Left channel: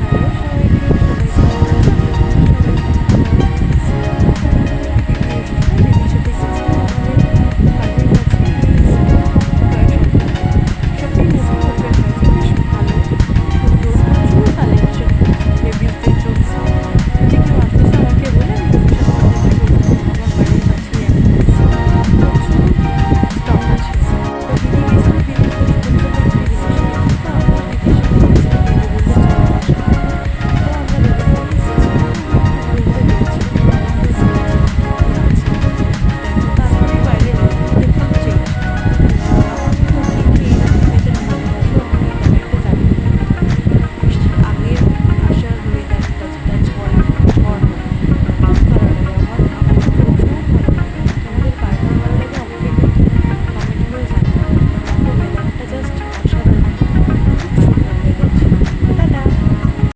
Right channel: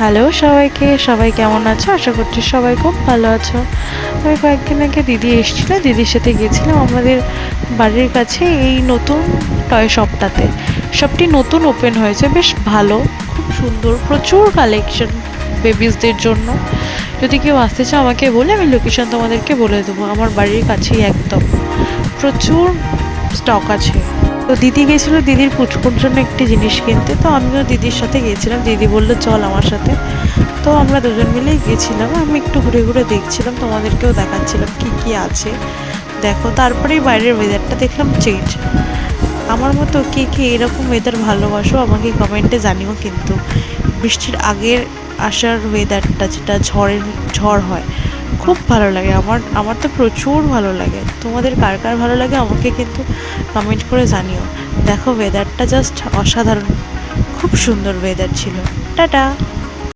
Hello সবাইকে, সবাই কেমন আছো? আশা করছি সবাই খুব ভালো আছো। আমি কয়েকদিন আগে দিদি এসেছিলো, দিদির সাথে গিয়েছিলাম আমাদের বাড়ির কাছে এই নতুন টয় শপটাতে। শপটি নতুন ওপেন হয়েছে, বেশ ভালো, সুন্দর, প্রচুর কালেকশন বেবিসদের জন্য। যদি কেউ আসতে চাও আমাকে বলে, আমি লোকেশন তোমাদেরকে বলে দেবো। আমার বাড়ির কাছেই একদম, প্রচুর স্টক আছে। তো দিদি গেছিলো দিদির পুচকুর জন্য একটি জিনিস কিনতে, তো আমিও দিদির সাথে গিয়েছিলাম। দিদি বললো চল আমার সাথে, তো আমরা দুজন মিলেই গেছিলাম। আমি একটু ঘুরে ঘুরে দেখছিলাম, তোমাদেরকেও দেখাচ্ছিলাম কি কি আছে। দেখো, তারপরেই বাইরের ওয়েদারটা দেখলাম চেঞ্জ। আমার মতো কে কে এরকম ওয়েদার ভালোবাসো আমাকে কমেন্টে জানিও কিন্তু। বৃষ্টির আগের আসার ওয়েদারটা, যেটা ঝড় হয়, খুব ভালো লাগে। আমার তো প্রচুর ভালো লাগে। তোমাদের কার কার ভালো লাগে আমাকে কিন্তু কমেন্ট করে জানিও। দেখো ওয়েদারটা জাস্ট অসাধারণ, খুব সুন্দর ওয়েদার ছিল। টাটা।